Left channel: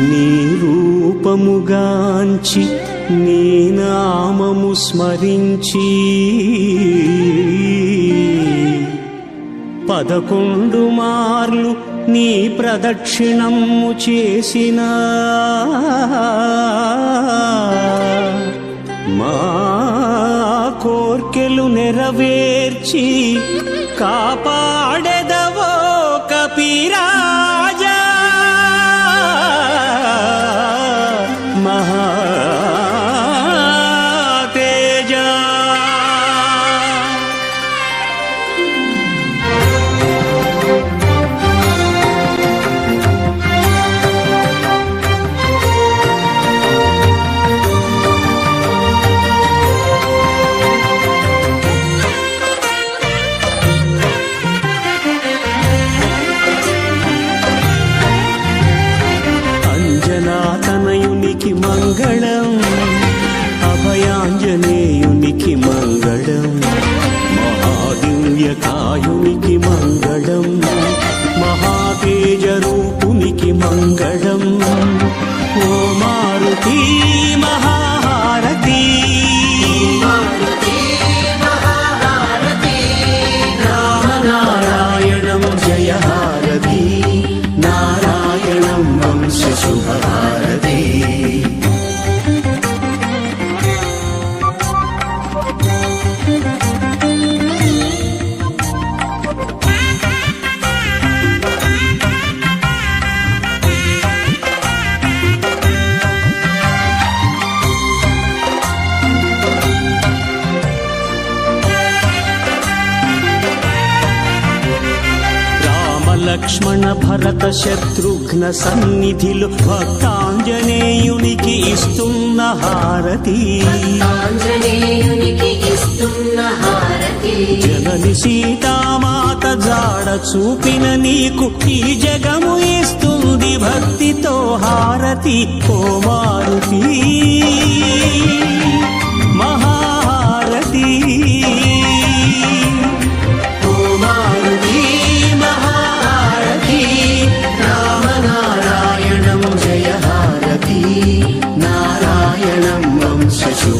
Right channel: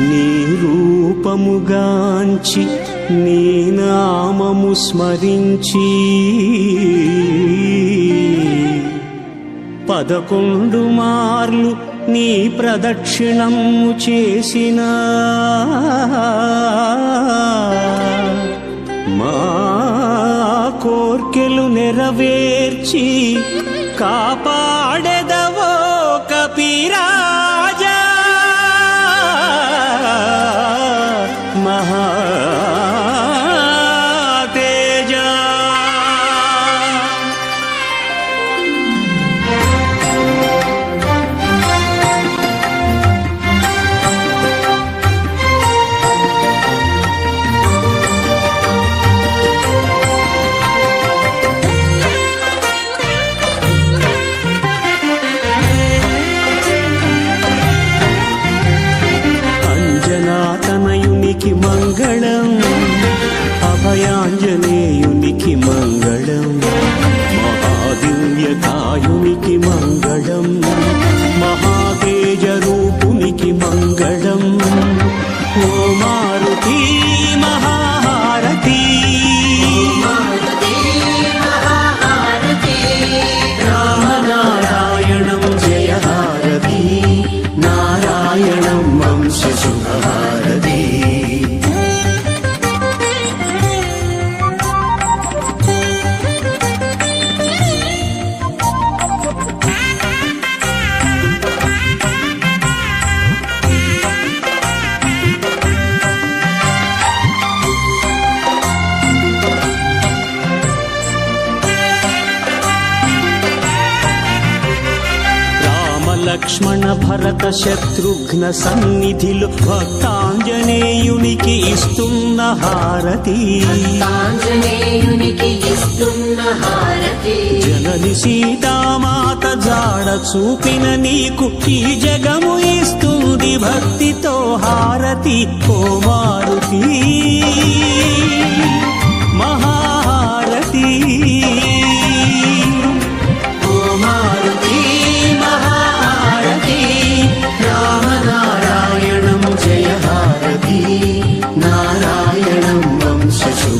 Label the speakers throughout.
Speaker 1: నీ రూపముగాంచి నీ నామము స్మరించి పదకొండు మార్లు నీ ప్రదక్షిణము చేసిన మా కోర్కెలు నెరవేర్చి కాపాడెదవో కపిరాజ అంజనాతనయునికి మంగళం అభయాంజనేయునికి మంగళం మహాదివ్యకాయునికి మంగళం మహాతేజరూపునికి మంగళం. ఓ మారుతి మహాహారతి. రామనారాయణం జయహారతి. శుభహారతి రామలక్ష్మణ భరత శత్రుఘ్న సన్నిధిలో భక్తాంజనేయునికి ఇస్తున్న హారతి. జనని సీతామాత జాడ చూపిన నీకు ఈ జగము ఇస్తుంది భక్తితో హారతి ఓ మారుతి. మహాహారతి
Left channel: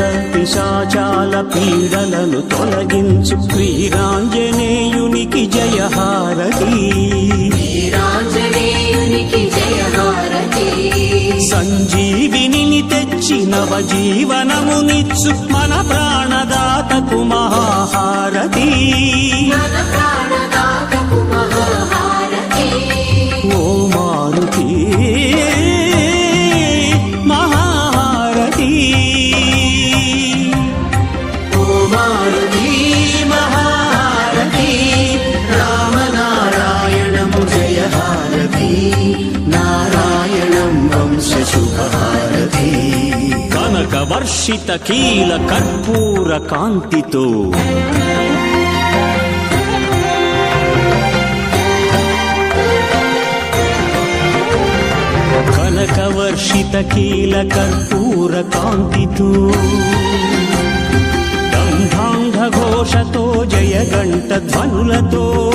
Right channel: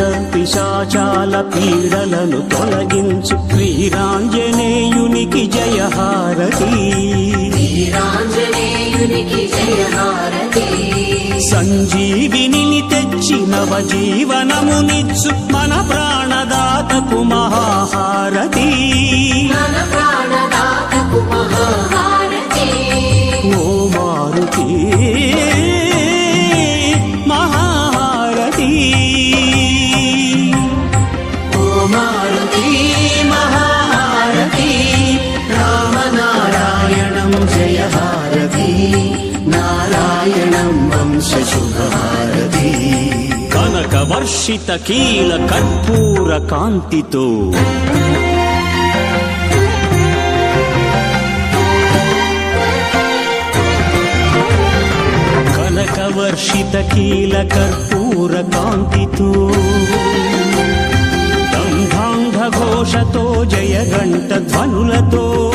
Speaker 1: భూత పిశాచాల పీడలను తొలగించు వీరాంజనేయునికి జయహారతి. సంజీవిని తెచ్చి నవజీవనమునిచ్చు మన ప్రాణదాతకు మహాహారతి. ఓ మారుతి మహా వంశ శుభహారతి కనక వర్షిత కీల కర్పూర కాంతితో. కనకవర్షిత కీల కర్పూర కాంతితో. దంధాంగ ఘోషతో జయగంట ధ్వనులతో.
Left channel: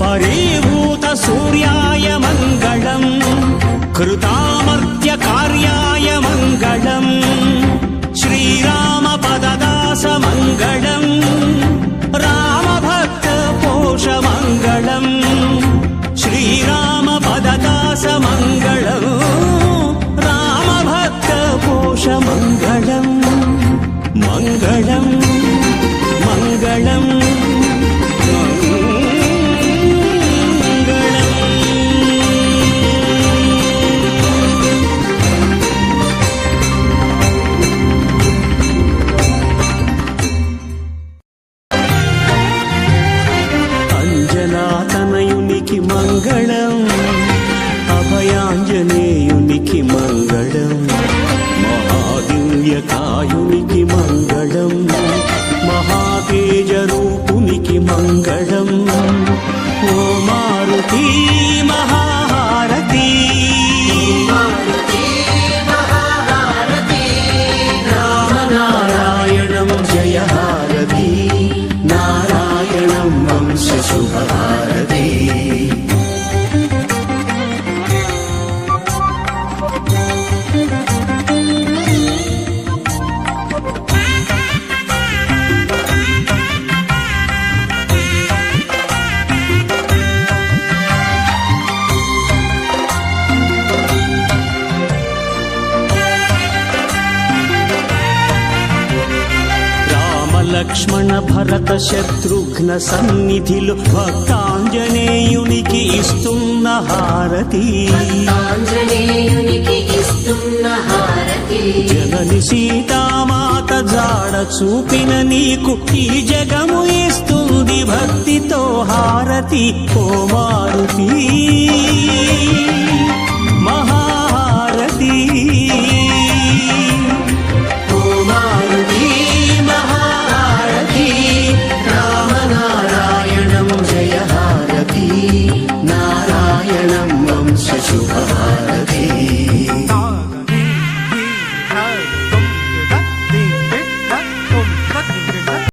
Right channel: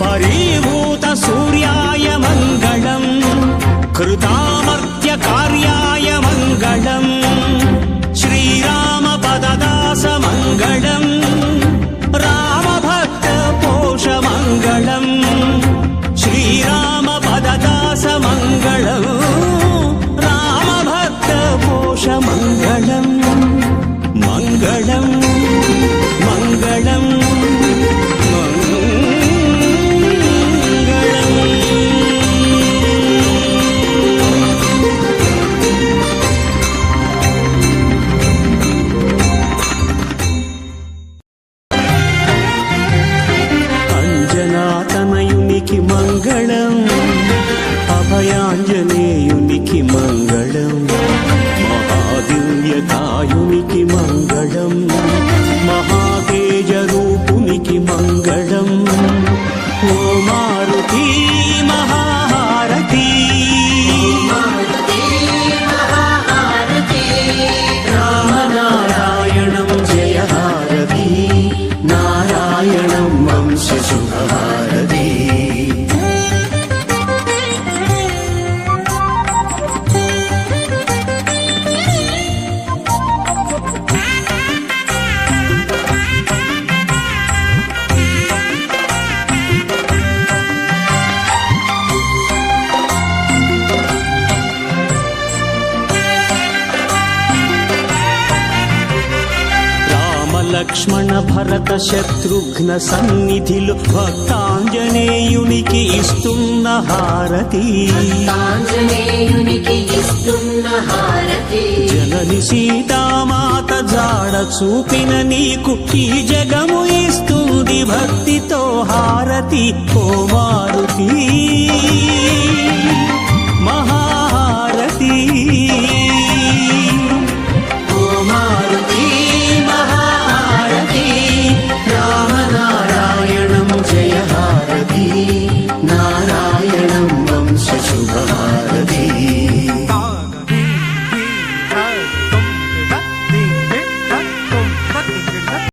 Speaker 1: பரீபூத சூர்யாய மங்களம் கிருதாமர்த்திய காரியாய மங்களம் ஸ்ரீராம பததாச மங்களம் ராமபக்த போஷ மங்களம் ஸ்ரீராம பததாச மங்களம் ராமபக்த போஷ மங்களம். மங்களம் மங்களம். అంజనాతనయునికి మంగళం అభయాంజనేయునికి మంగళం మహాదివ్యకాయునికి మంగళం మహాతేజ రూపునికి మంగళం. ఓ మారుతి మహారతి శుభహారతి లక్ష్మణ భరత శత్రుఘ్న సన్నిధిలో భక్తాంజనేయునికి ఇస్తున్న హారతి. జనని సీతామాత జాడ చూపిన నీకు ఈ జగము ఇస్తుంది భక్తితో హారతి ఓ మారుతి. మహాహారతి.